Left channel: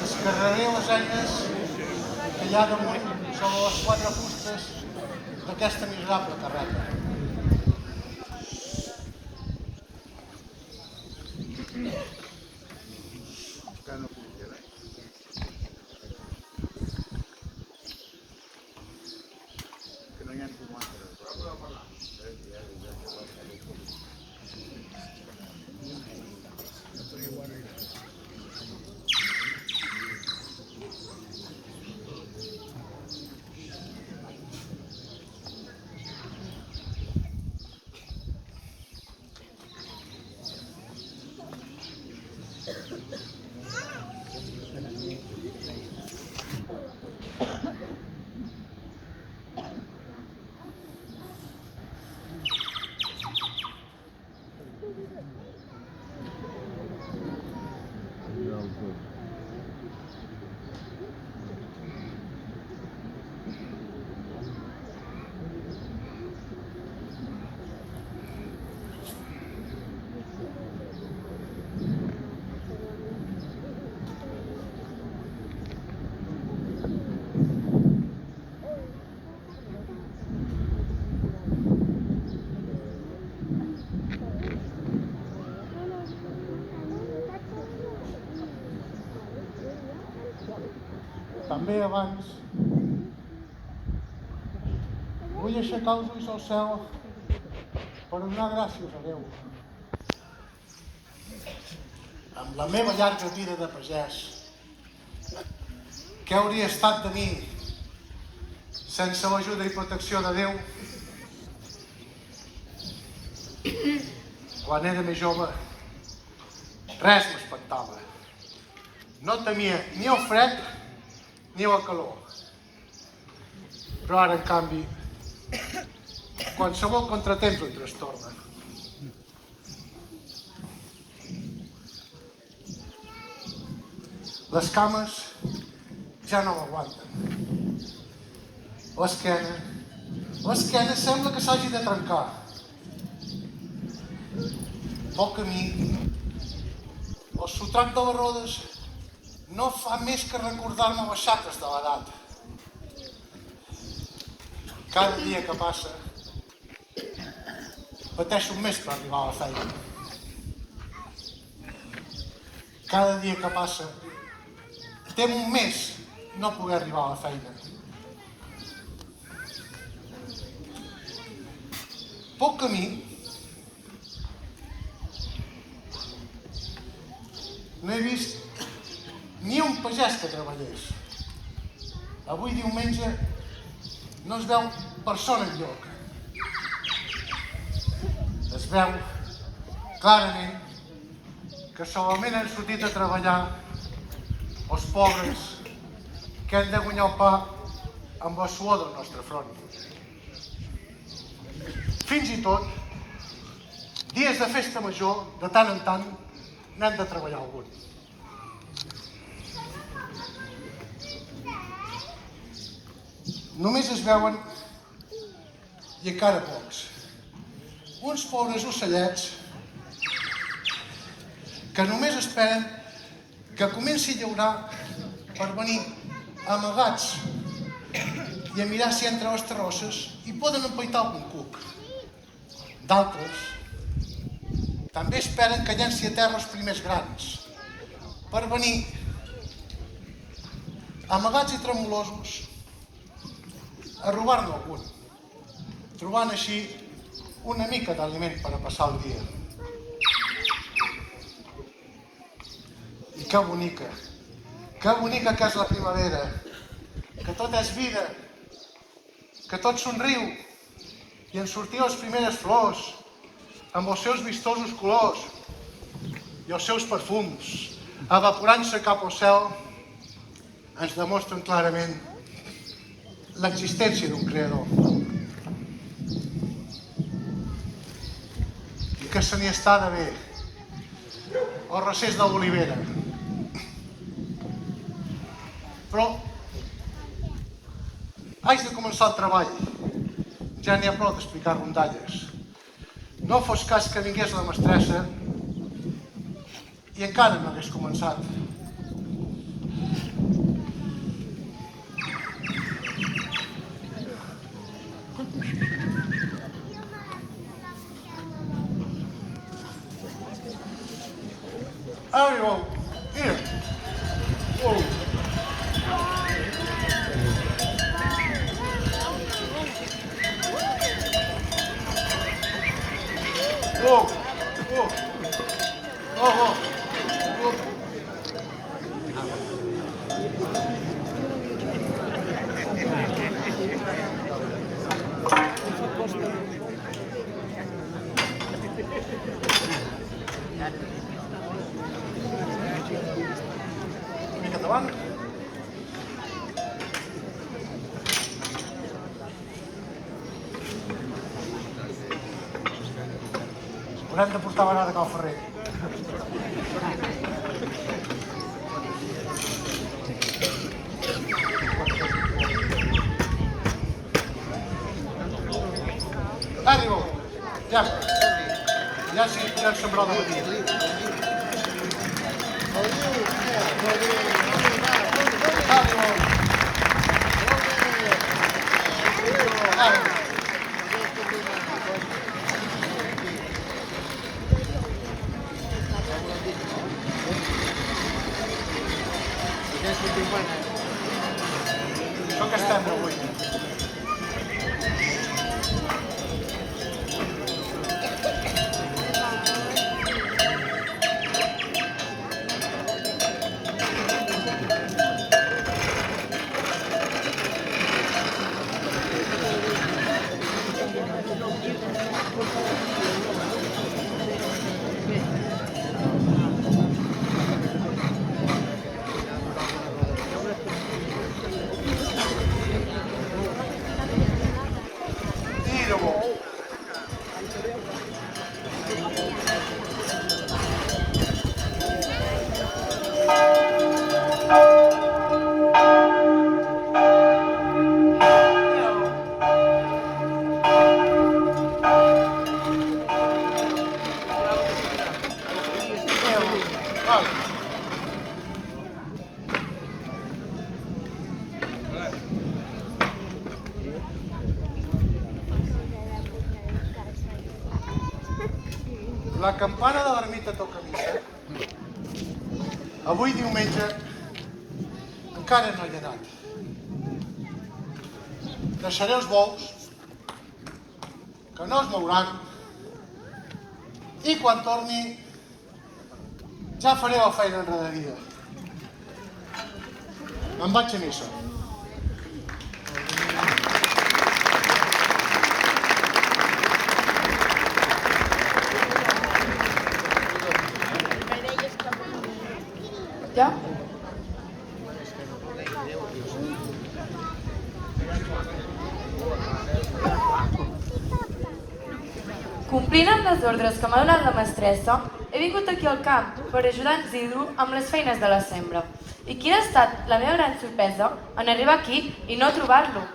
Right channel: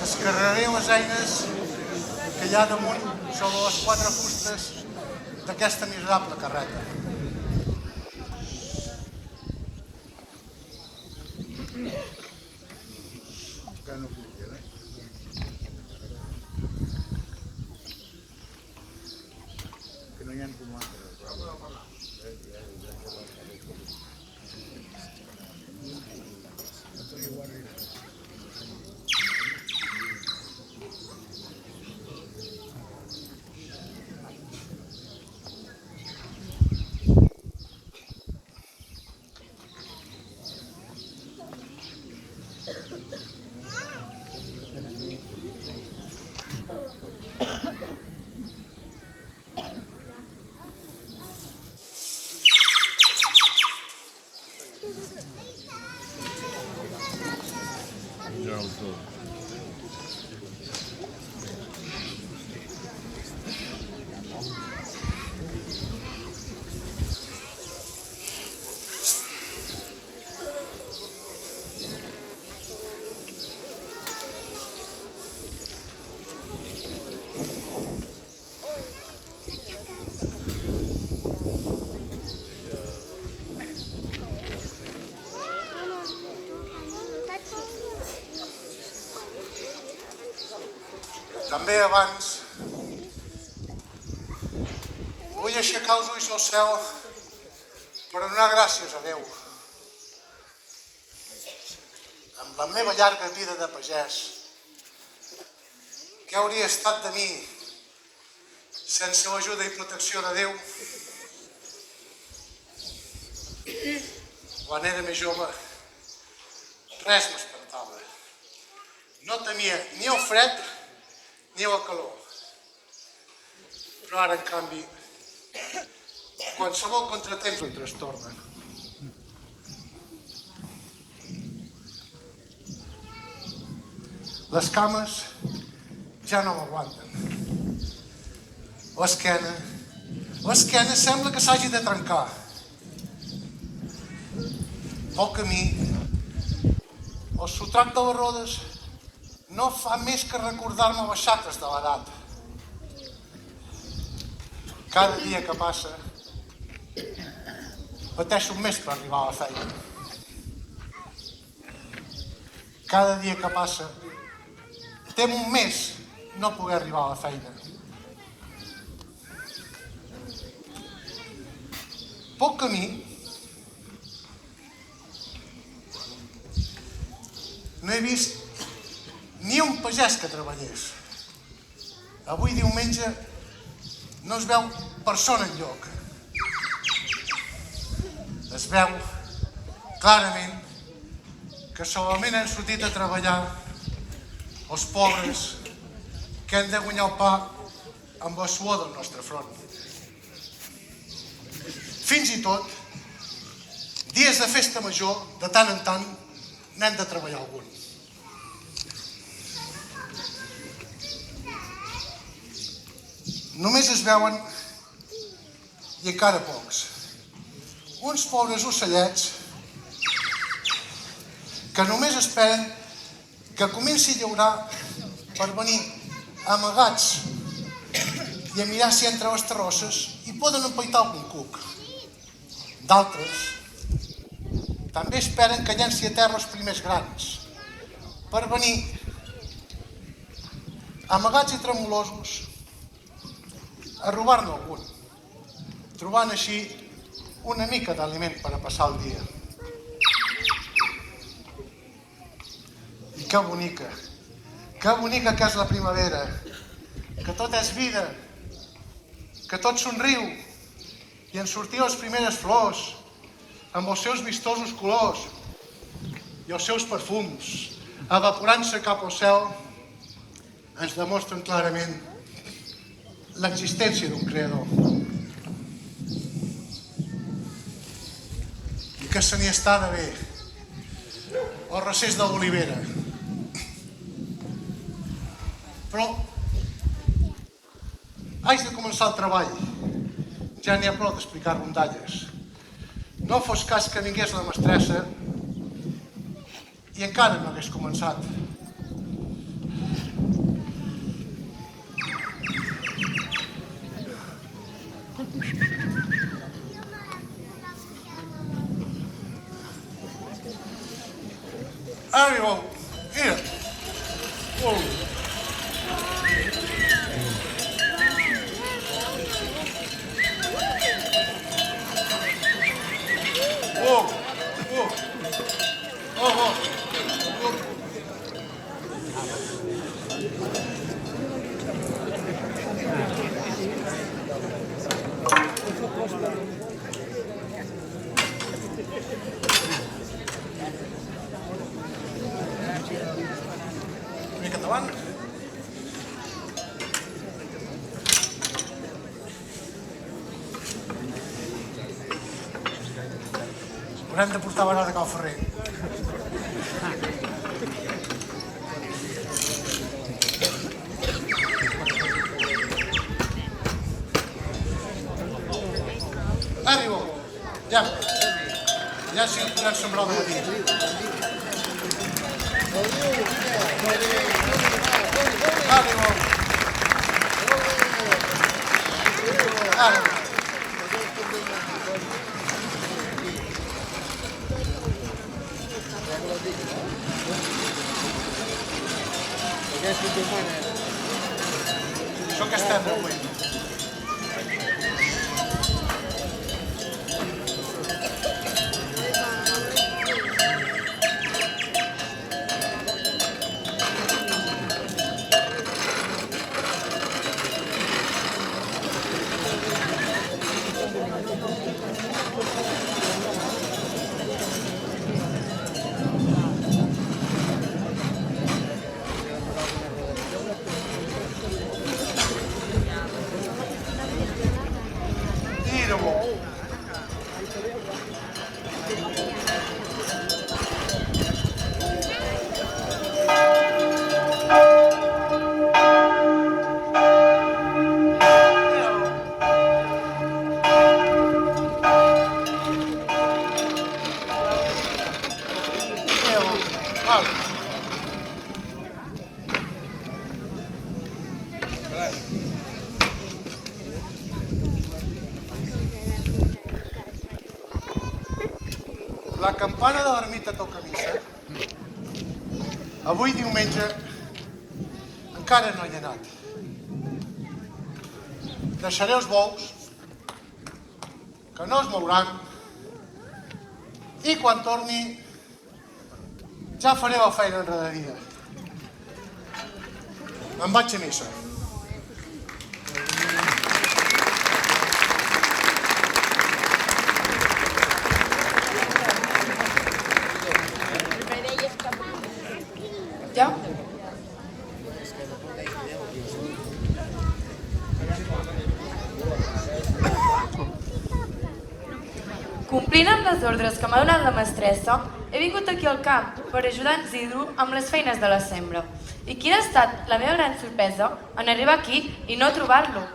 Descarregaré les eines que hi ha damunt sobre les quatre fustes d'aquesta miserable carreta. També abans Vull aixecar els ulls al cel per donar gràcies a Déu. Amb la meva llarga vida de pagès, què hauria estat de mi sense l'ajuda i protecció de Déu? Quan era més jove, res m'espantava. No temia ni el fred ni la calor. Però ara, en canvi, qualsevol contratemps em trastorna. Les cames ja no m'aguanten. L'esquena sembla que s'hagi de trencar. Pel camí, el sotrac de les rodes no fa més que recordar-me les xaques de l'edat. Cada dia que passa, pateixo més per arribar a la feina. Cada dia que passa, temo més no poder arribar a la feina. Pel camí, no he vist ni un pagès que treballés. Avui diumenge no es veu persona enlloc. Es veu clarament que solament han sortit a treballar els pobres que han de guanyar el pa amb la suor del nostre front. Fins i tot, dies de festa major, de tant en tant, n'hem de treballar algun. Només es veuen, i encara pocs, uns pobres ocellets que només esperen que comenci a llaurar per venir amagats i a mirar si entre les terrosses hi poden empaitar algun cuc. D'altres també esperen que llenci a terra els primers grans per venir amagats i tremolosos a robar-ne algun, trobant així una mica d'aliment per a passar el dia. I que bonica que és la primavera, que tot és vida, que tot somriu i en sortir les primeres flors amb els seus vistosos colors i els seus perfums, evaporant-se cap al cel, ens demostren clarament l'existència d'un creador. I que se n'hi està de bé el recés de l'olivera. Però haig de començar el treball. Ja n'hi ha prou d'explicar rondalles. No fos cas que vingués la mestressa i encara no hagués començat. Arriba, mira. Uou. Uou, uou. Oh, oh. Mica davant. Haurem de portar a vegada cap al ferrer. Arriba, ja sí podem sembrar de matí. Arriba. Això que estem avui. La campana de l'ermita toca missa. Avui diumenge encara no hi he anat. Deixaré els bous, que no es mouran, i quan torni ja faré la feina enrere. Me'n vaig a missa. Ja? Complint amb les ordres que m'ha donat la mestressa, he vingut aquí al camp per ajudar en Isidro amb les feines de la sembra. I quina ha estat la meva gran sorpresa en arribar aquí i no trobar-lo.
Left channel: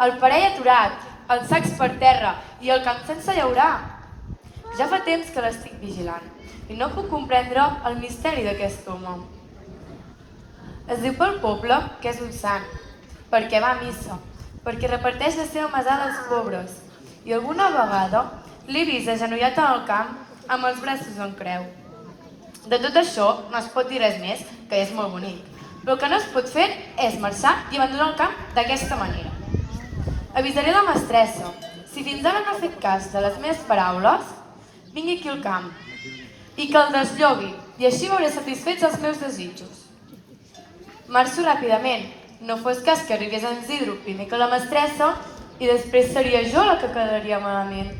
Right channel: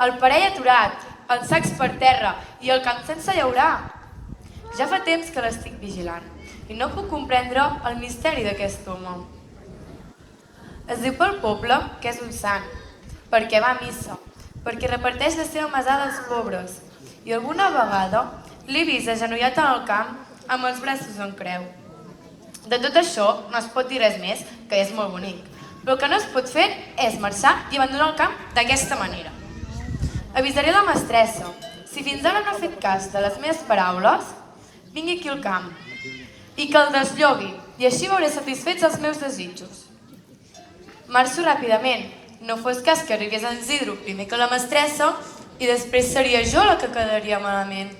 El parell aturat, els sacs per terra i el camp sense llaurar. Ja fa temps que l'estic vigilant i no puc comprendre el misteri d'aquest home. Es diu pel poble que és un sant, perquè va a missa, perquè reparteix la seva mesada als pobres i alguna vegada l'he vist agenollat en el camp amb els braços en creu. De tot això no es pot dir res més, que és molt bonic. Però el que no es pot fer és marxar i abandonar el camp d'aquesta manera. Avisaré la mestressa. Si fins ara no ha fet cas de les meves paraules, vingui aquí al camp i que el desllobi, i així veuré satisfets els meus desitjos. Marxo ràpidament. No fos cas que arribés en Isidro primer que la mestressa i després seria jo la que quedaria malament.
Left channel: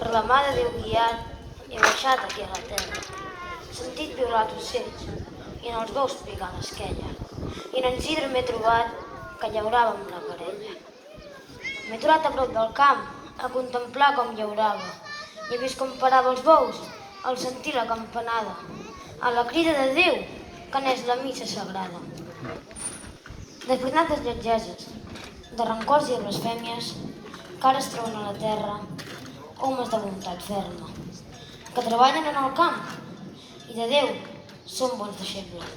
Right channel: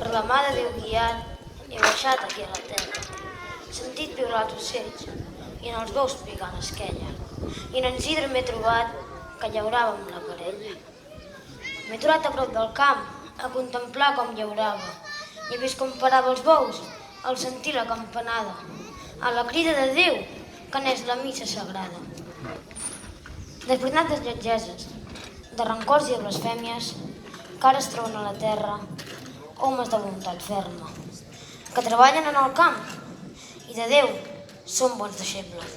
Per la mà de Déu guiat, he baixat aquí a la terra. Sentit piular els ocells i en els bous picant l'esquella. I en Isidre m'he trobat que llaurava amb la parella. M'he trobat a prop del camp a contemplar com llaurava. He vist com parava els bous al sentir la campanada, a la crida de Déu que n'és la missa sagrada. Desbrinat dels lletgeses, de rancors i de blasfèmies, que ara es troben a la terra, homes de voluntat ferma, que treballen en el camp i de Déu són bons deixebles.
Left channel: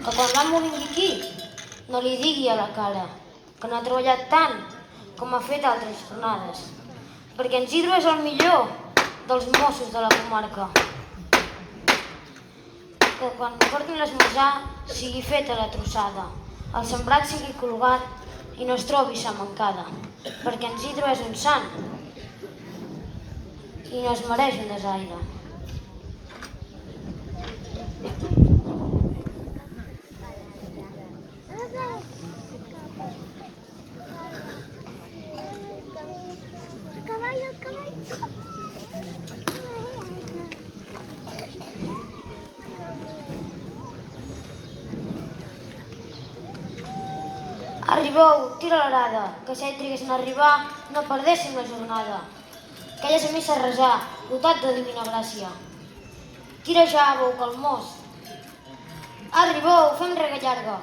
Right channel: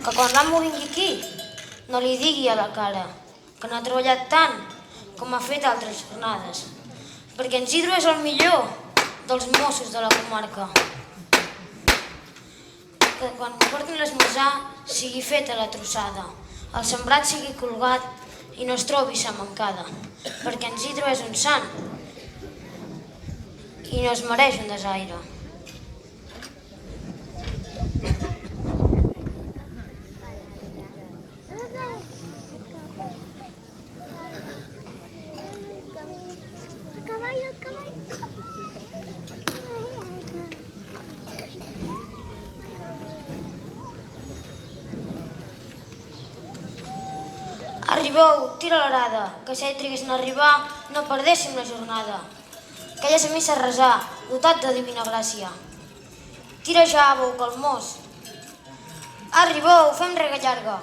Que quan l'amo vingui aquí no li digui a la cara que no ha treballat tant com ha fet altres jornades, perquè en Isidro és el millor dels Mossos de la comarca. Que quan portin l'esmorzar sigui feta la trossada, el sembrat sigui colgat i no es trobi sa mancada, perquè en Isidro és un sant i no es mereix un desaire. Arribeu, tira l'arada, que si triguessin a arribar no perdéssim la jornada. Que ja s'ha missa a resar, dotat de divina gràcia. Tira ja, bou calmós. Arribeu, fem rega llarga.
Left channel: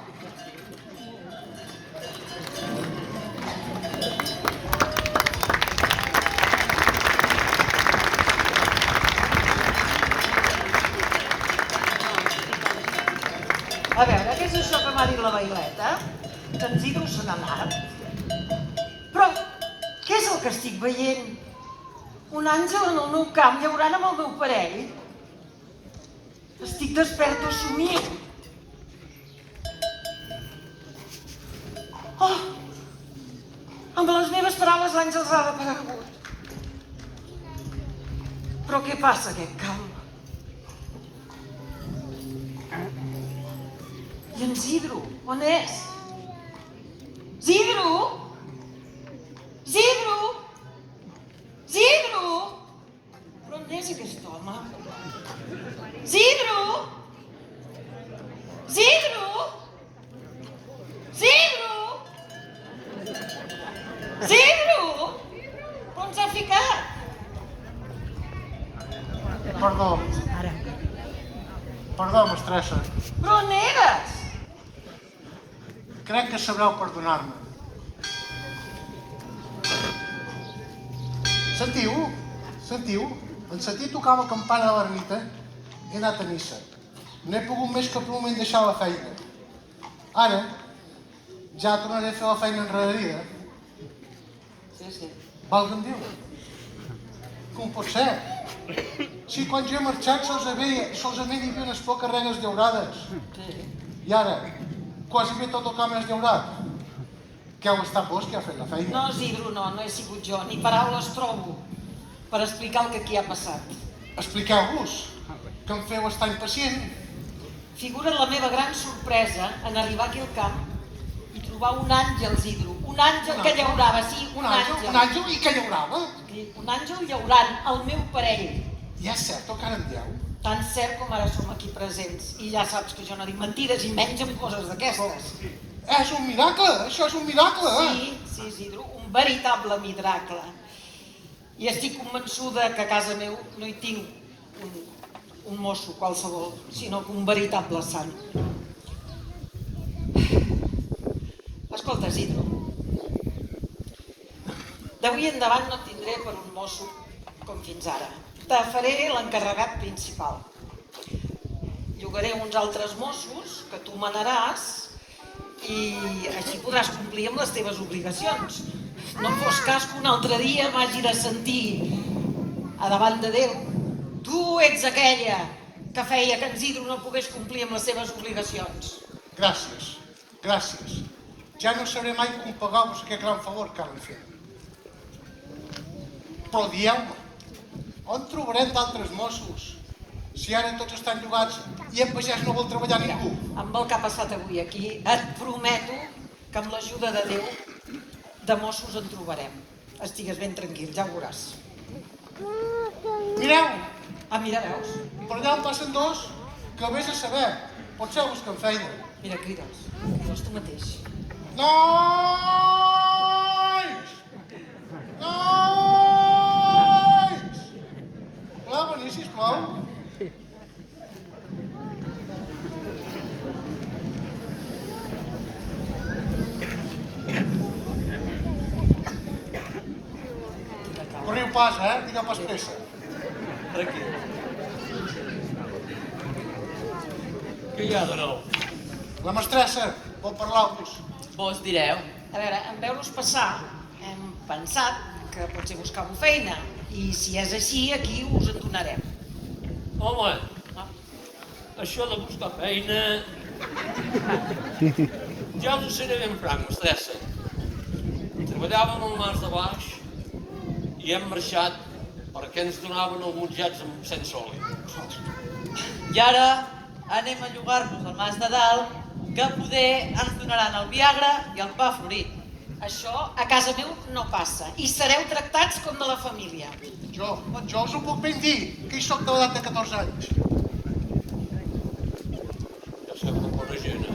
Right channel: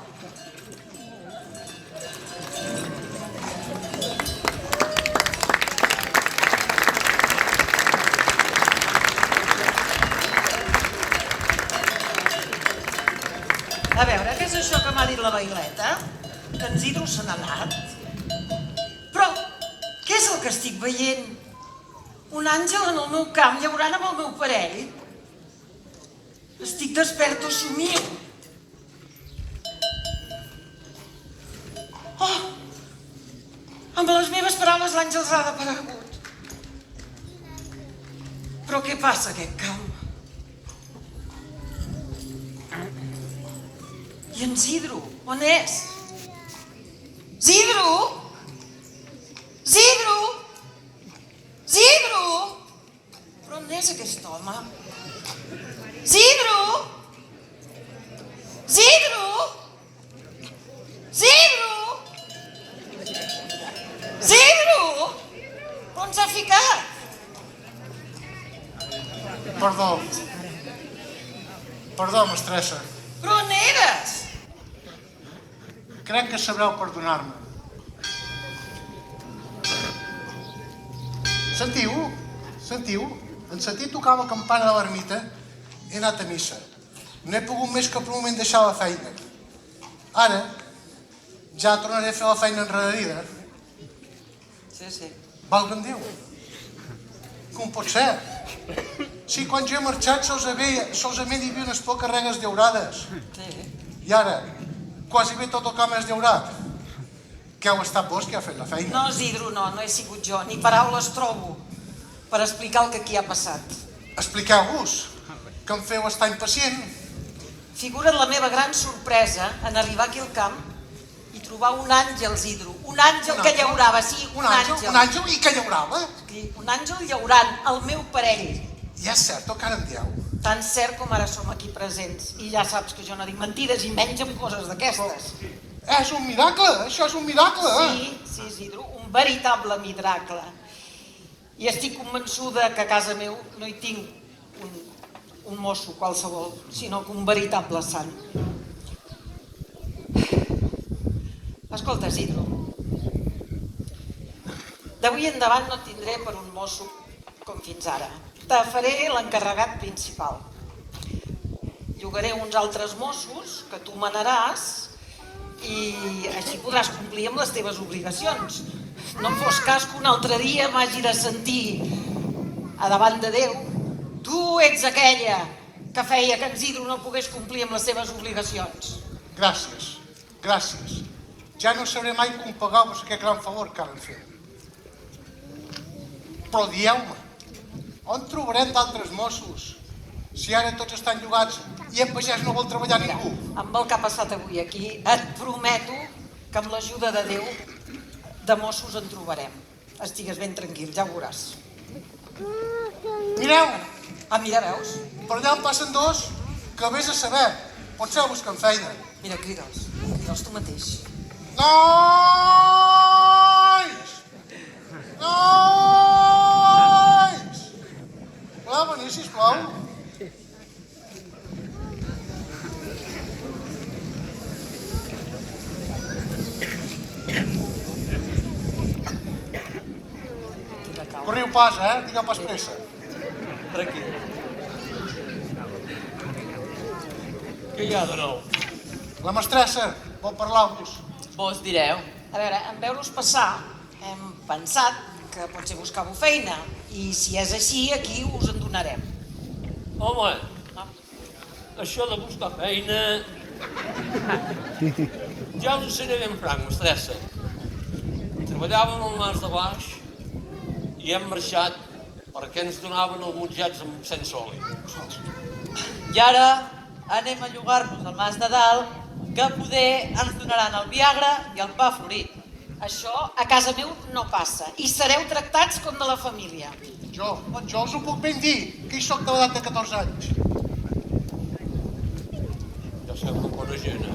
A veure, què és això que m'ha dit la Baileta? Que en Isidro se n'ha anat? Però què és el que estic veient? Un àngel en el meu camp llaurant amb el meu parell? Estic despert o somio? Oh! Amb les meves paraules l'àngel s'ha desaparegut. Però què passa a aquest camp? I en Isidro, on és? Isidro! Isidro! Isidro! Però on és aquest home? Isidro! Isidro! Isidro! Isidro! On s'ha ficat? Perdó, mestressa. Però on eres? Crec que sabreu perdonar-me. Sentiu? Sentiu? En sentir tocar la campana de l'ermita he anat a missa. No he pogut més que per un moment deixar la feina. Ara, ja tornaré a fer la feina enrederida. Sí. Valga'm Déu. Com pot ser? Si quan jo he marxat solament hi havia unes poques regues llaurades. I ara, quasi bé tot el camp és llaurat. Que heu estat vos que ha fet la feina? No, Isidro, no he sigut jo. Ni paraules trobo per explicar el que aquí ha passat. Expliqueu-vos, que em feu estar impacient. Figura la meva gran sorpresa en arribar aquí al camp i trobar un àngel, Isidro. Un àngel que llaurava, sí, un àngel. Un àngel i que llaurava? Sí, un àngel llaurant, el meu parell. I és cert el que ara em dieu? Tan cert com ara som aquí presents. I ja saps que jo no dic mentides i menys amb coses d'aquestes. És un miracle, això és un miracle. Sí, Isidro, un veritable miracle. I estic convençuda que a casa meu no hi tinc un mosso qualsevol, sinó que un veritable sant. Escolta, Isidro, d'avui endavant no et tindré per un mosso com fins ara. Te faré l'encarregat principal. Llogaré uns altres mossos que tu manaràs i així podràs complir amb les teves obligacions. No em fos cas que un altre dia m'hagi de sentir a davant de Déu. Tu ets aquella que feia que en Isidro no pogués complir amb les seves obligacions. Gràcies, gràcies. Ja no sabré mai com pagar-vos aquest gran favor que ara em feu. Però dieu-me, on trobarem d'altres mossos? Si ara tots estan llogats i en pagès no vol treballar ningú. Amb el que ha passat avui aquí, et prometo que amb l'ajuda de Déu de mossos en trobarem. Estigues ben tranquil, ja ho veuràs. Mireu, Mira, veus? per allà en passen dos que vés a saber. Potser busquen feina. Mira, crida'ls tu mateix. Nois! Nois! Voleu venir, sisplau? Corriu pas, Digueu pas pressa. Tranquil. Què hi ha de nou? La mestressa vol parlar-vos. Vos direu. A veure, en veure-us passar, hem pensat que potser buscàveu feina i si és així, aquí us en donarem. Home, això de buscar feina... Ja us ho seré ben franc, mestressa. Treballàvem al Mas de Baix i hem marxat perquè ens donaven alguns llats sense oli. I ara anem a llogar-nos al Mas de Dalt, que poder ens donaran el Viagra i el pa florit. Això a casa meu no passa i sereu tractats com de la família. Jo us ho puc ben dir, que hi soc de l'edat de 14 anys. Ja sembla bona gent,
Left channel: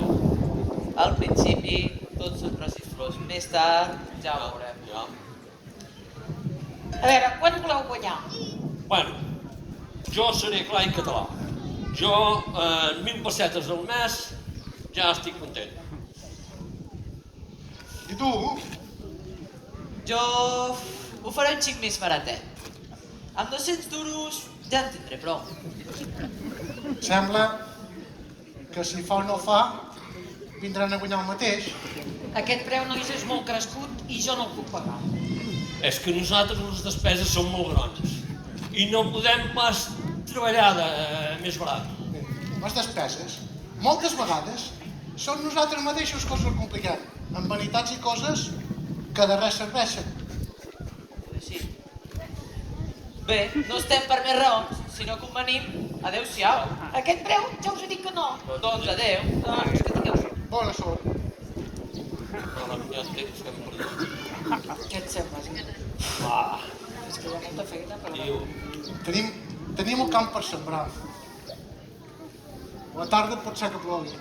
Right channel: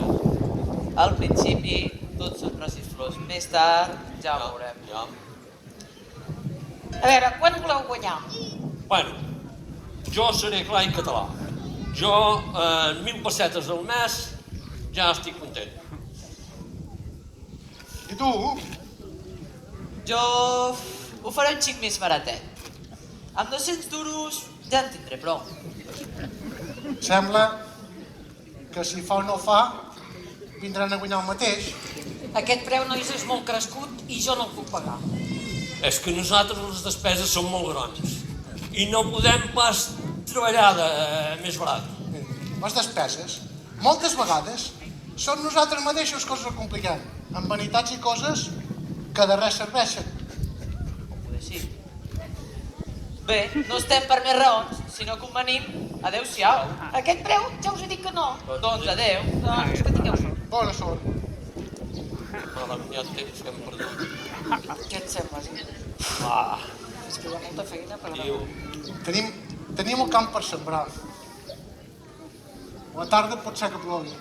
Al principi tots són braços flors, més tard ja ho veurem. Ja. A veure, quan voleu guanyar? Bueno, jo seré clar en català. Jo, en 1.000 pessetes al mes, ja estic content. I tu? Jo ho faré un xic més baratet. Amb 200 duros ja en tindré prou. Sembla que si fa o no fa, vindran a guanyar el mateix. Aquest preu, nois, és molt crescut i jo no el puc pagar. És que nosaltres les despeses són molt grans i no podem pas treballar més barat. Les despeses, moltes vegades, són nosaltres mateixos que els ho compliquem, amb vanitats i coses que de res serveixen. Poder sí. Bé, no estem per més raons, sinó que venim. Adéu-siau. Aquest preu ja us he dit que no. Doncs adéu. Doncs que tingueu sort. Bona sort. No l'hem ja temps que hem perdut. Què et sembla, Isidro? És que hi ha molta feina, però... Tenim el camp per sembrar. A la tarda pot ser que plogui.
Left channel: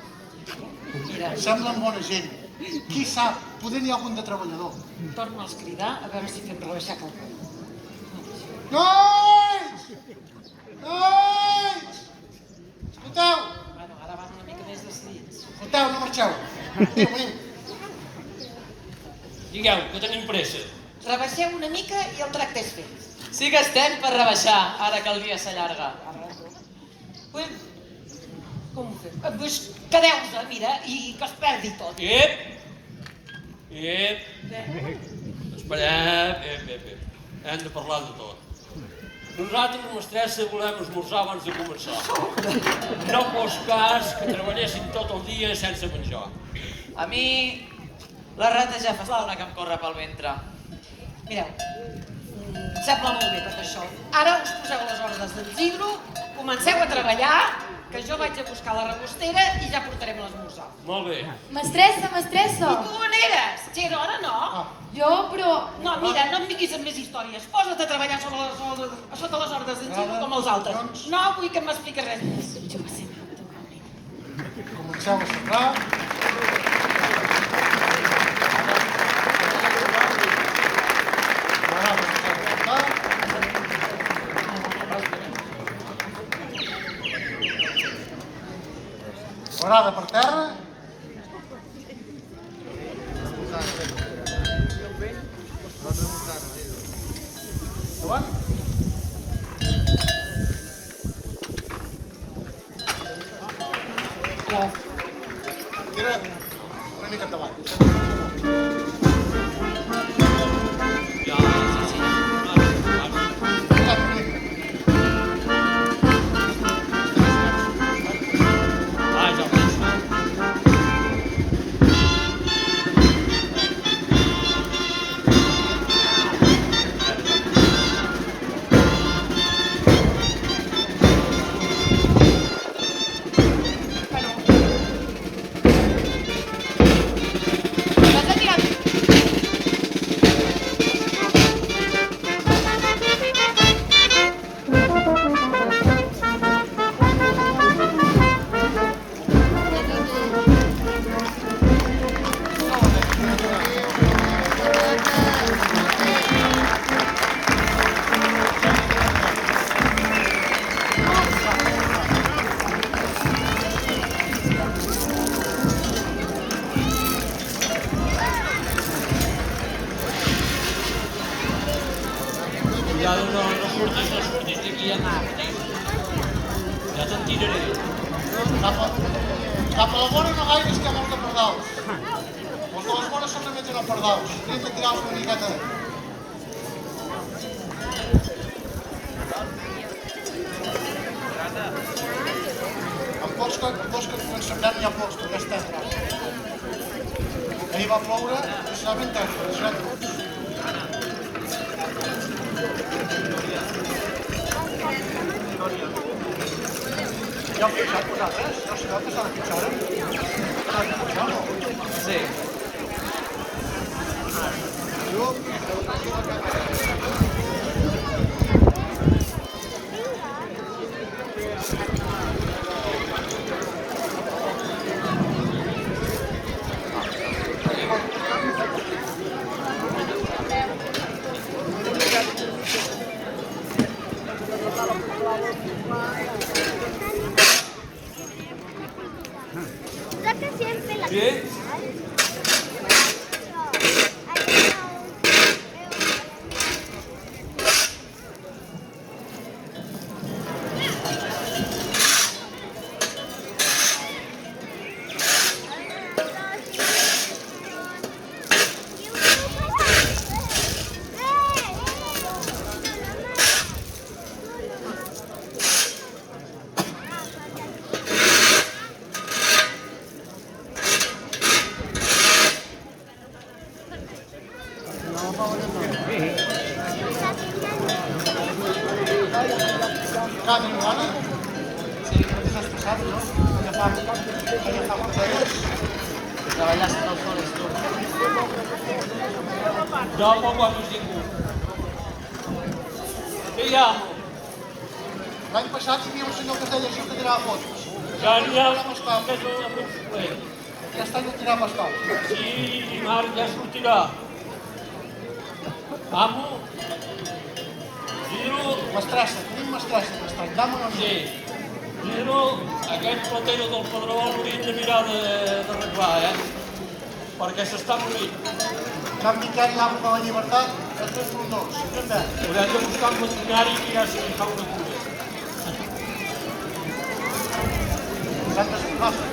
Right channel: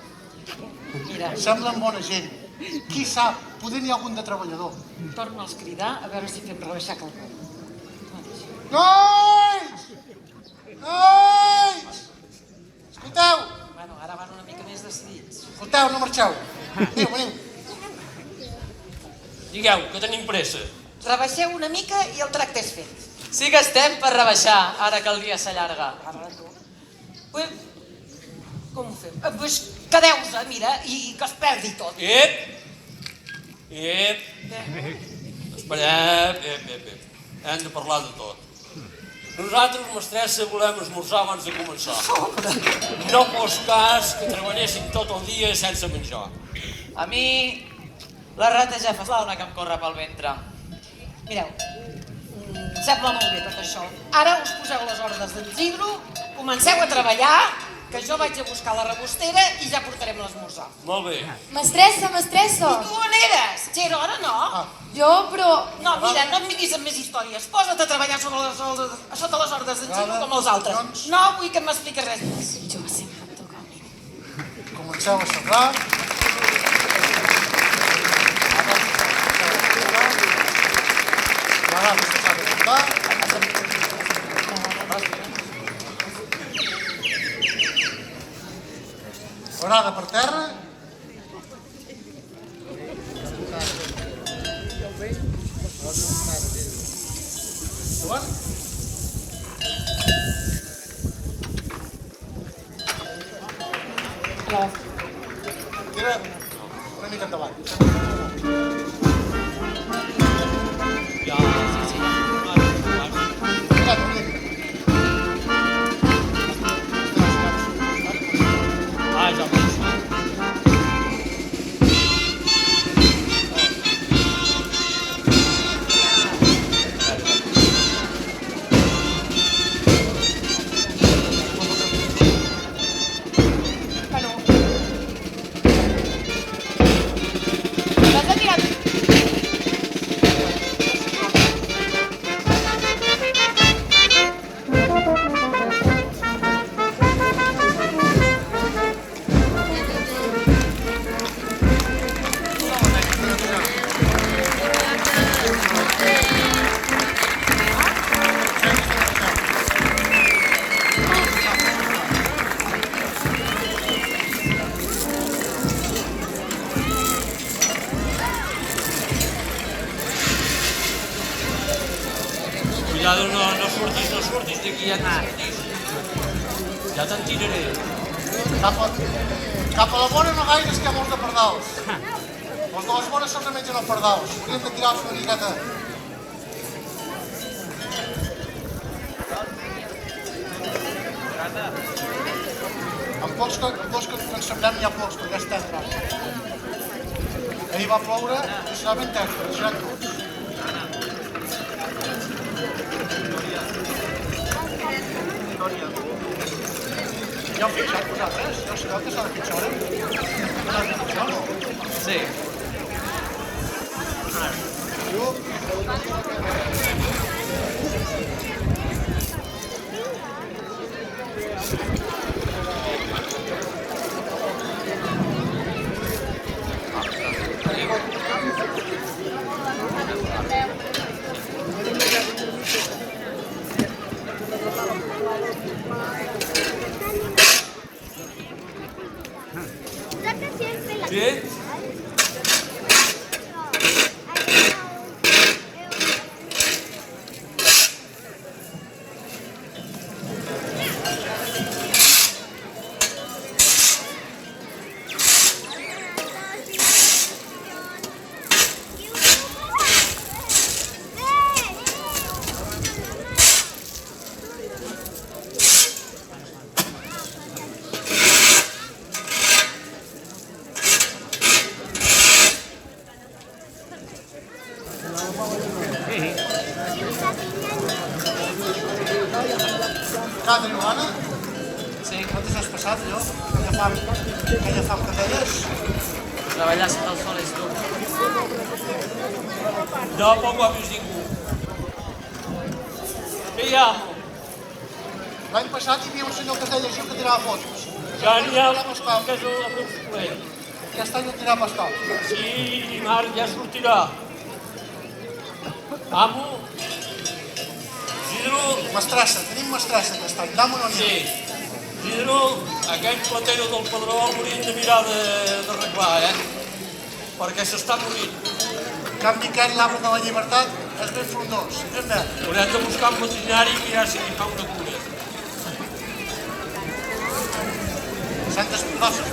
Mira, Semblen bona gent. Qui sap, poder n'hi ha algun de treballador. torna'ls a cridar a veure si fem rebaixar quelcom. Nois! Nois! Escolteu! Bueno, ara van una mica més decidits. Escolteu, no marxeu. Veniu. Digueu, que tenim pressa. Rebaixeu una mica i el tracte és fet. Sí que estem per rebaixar, ara que el dia s'allarga. Com ho fem? Doncs quedeu-vos, mira, i que es perdi tot. Ep! Esperem, hem de parlar de tot. Nosaltres, mestressa, volem esmorzar abans de començar. No fos cas que treballéssim tot el dia sense menjar. A mi, la rata ja fa estona que em corre pel ventre. Mireu, em sembla molt bé tot això. Ara us poseu les ordres del Isidro, comenceu a treballar, que jo vaig a buscar la repostera i ja portarem l'esmorzar. Molt bé. Mestressa, mestressa! I tu on eres? Ja era hora, no? Jo, però... No, mira, no em vinguis amb més històries. Posa't a treballar sota les ordres d'en Isidro com els altres. No vull que m'expliquis res més. Comencem a sembrar. Ara comencem a sembrar. Forada per terra. Endavant. Tira una mica endavant. Ja, ja veig. Ja no surtis d'aquí, ja te'n tiraré. Cap a la vora no gaire estem els de pardals. Els de les vores són que mengen els pardals. Hauríem de tirar-los una miqueta. En pocs que ens semblem hi ha pocs, perquè ja estem grans. Ahir va ploure i s'ha ben tens, Ja heu fixat vosaltres? Ja ho sabeu que s'ha de fixar? S'ha de fixar o no? Sí. Bé? Cada Joana? Sí. Com t'has passat, no? Que ja fa que deies. Treballar sota el sol és dur. No guapos ningú. Què hi ha? L'any passat hi havia un senyor que es deia això que tirava fotos. Ja n'hi ha que és el meu suplent. Aquest any no tirava estoc. Sí, Marc, ja sortirà. Amo? Isidro? Mestressa, tenim mestressa aquest any. Dame una Sí. Isidro, aquell platero del Padró l'hauríem de mirar d'arreglar, Perquè s'està morint. Cap Miquel, l'arbre de la llibertat, És ben frondós. Què fem? Haurem de buscar un veterinari que ja sigui fa una cura. Santes Pinoses.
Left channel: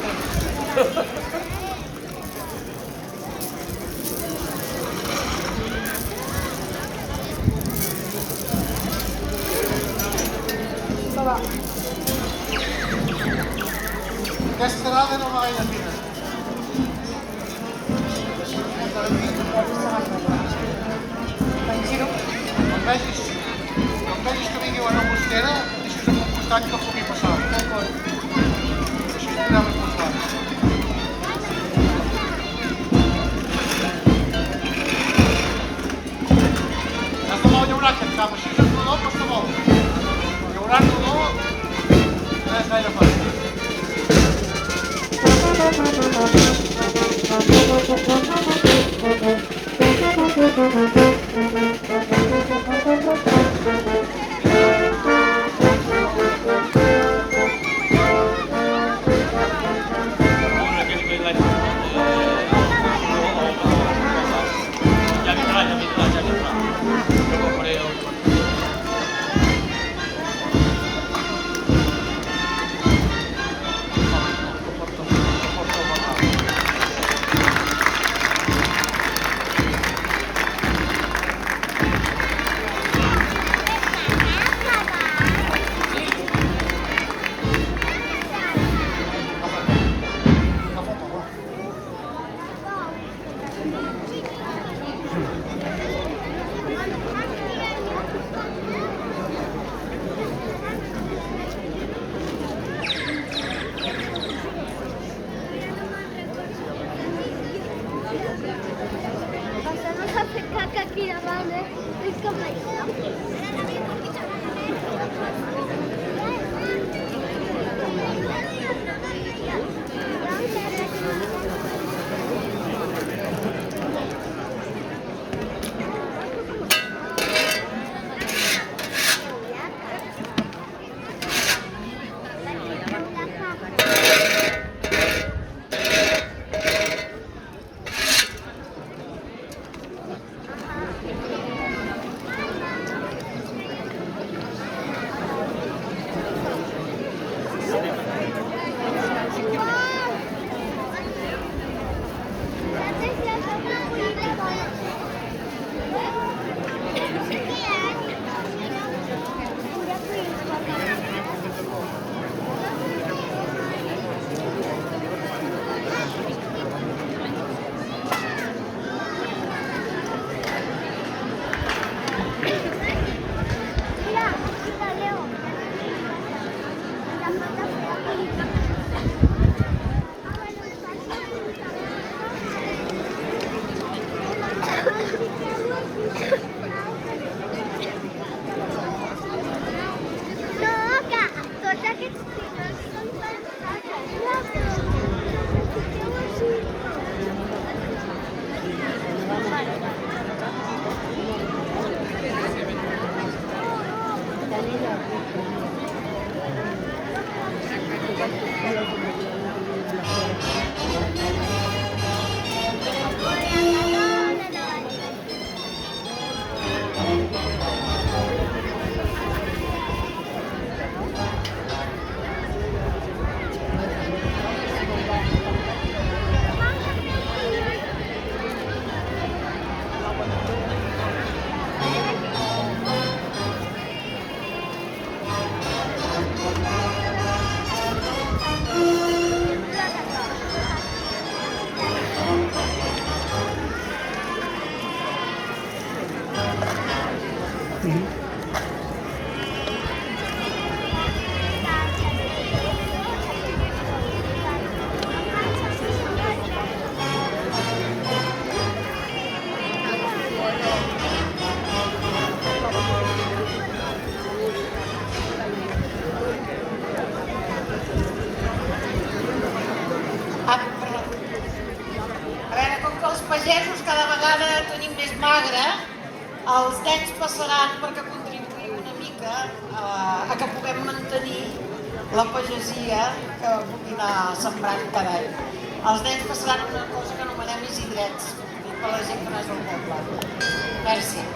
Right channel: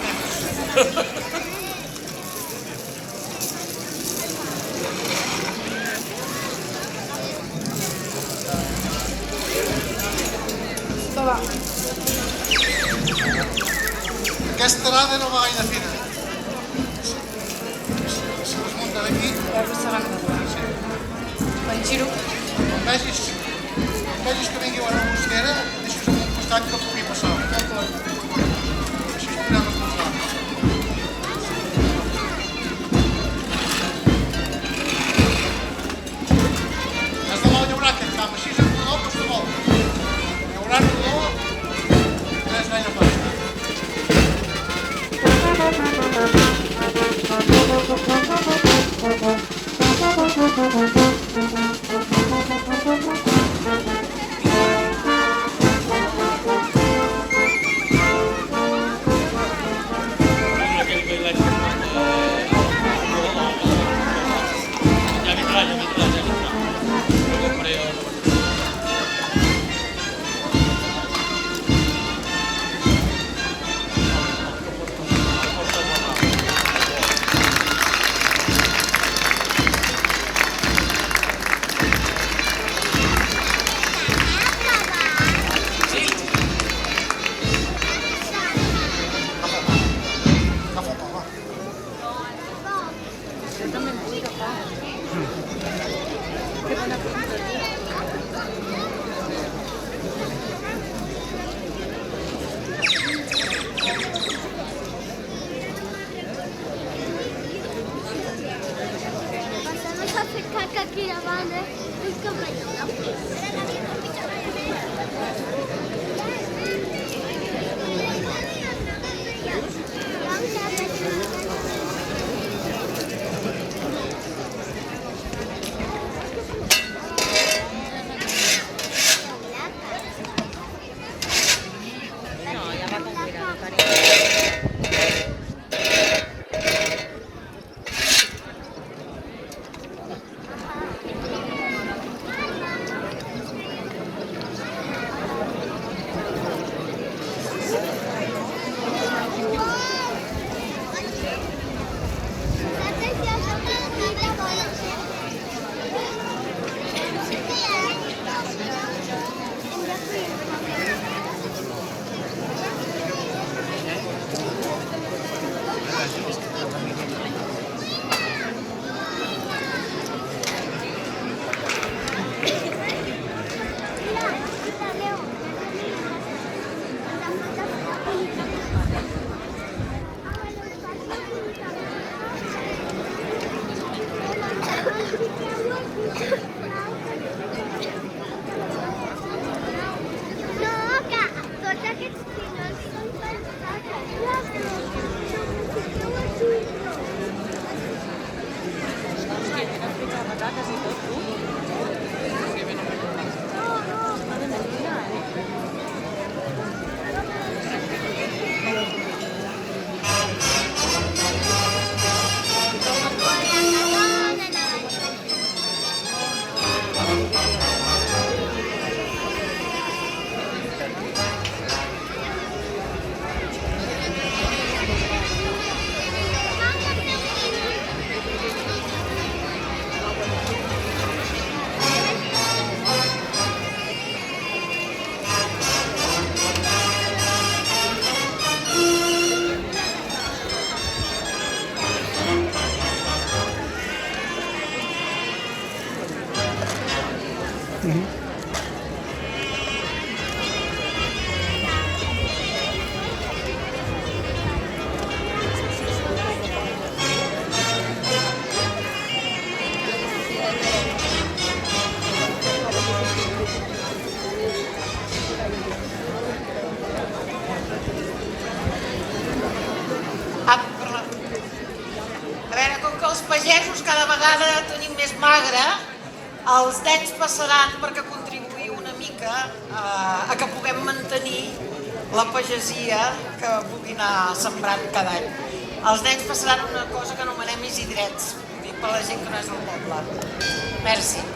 Aquesta arada no va gaire fina. Si us munta d'aquí, Quan giro, quan vegis que vingui una mosquera, deixes en un costat que pugui passar. d'acord. Així es podrà responsar. Has de molt llaurar aquest camp, així és el rodó costa molt. Llaurar el rodó no és gaire fàcil. Amb aquell bailet que porta... Ja vindrà. Jo ho faré el... Caca aquí davant, eh? És com pagesos cada vegada tenim més magre, els nens passaran perquè contribuïu una mica a que puguem mantenir la pagesia que pugui anar sembrant cada any. Els nens passaran una cosa que anomenem isidrets, dic per la gent que no és del poble. Merci.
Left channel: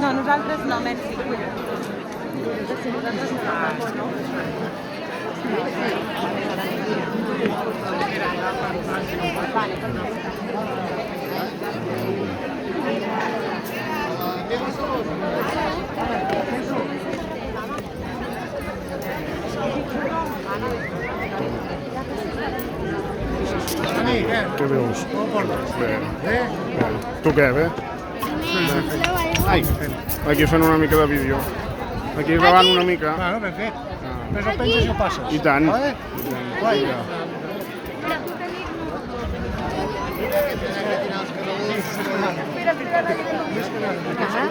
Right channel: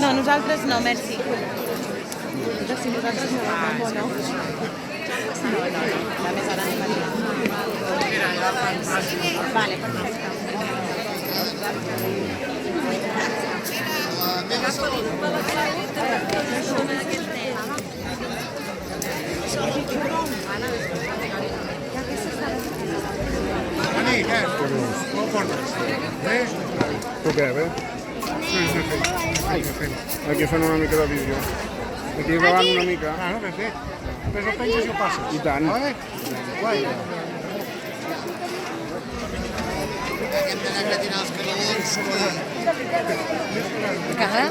No, nosaltres no, merci. Què veus? Com ho portes? Tu què, bé? Ai, aquí fent una mica de visió. Aquí gravant una mica. Bueno, ben fet. Després ho penses i ho passes. I tant. Vinga. Cara?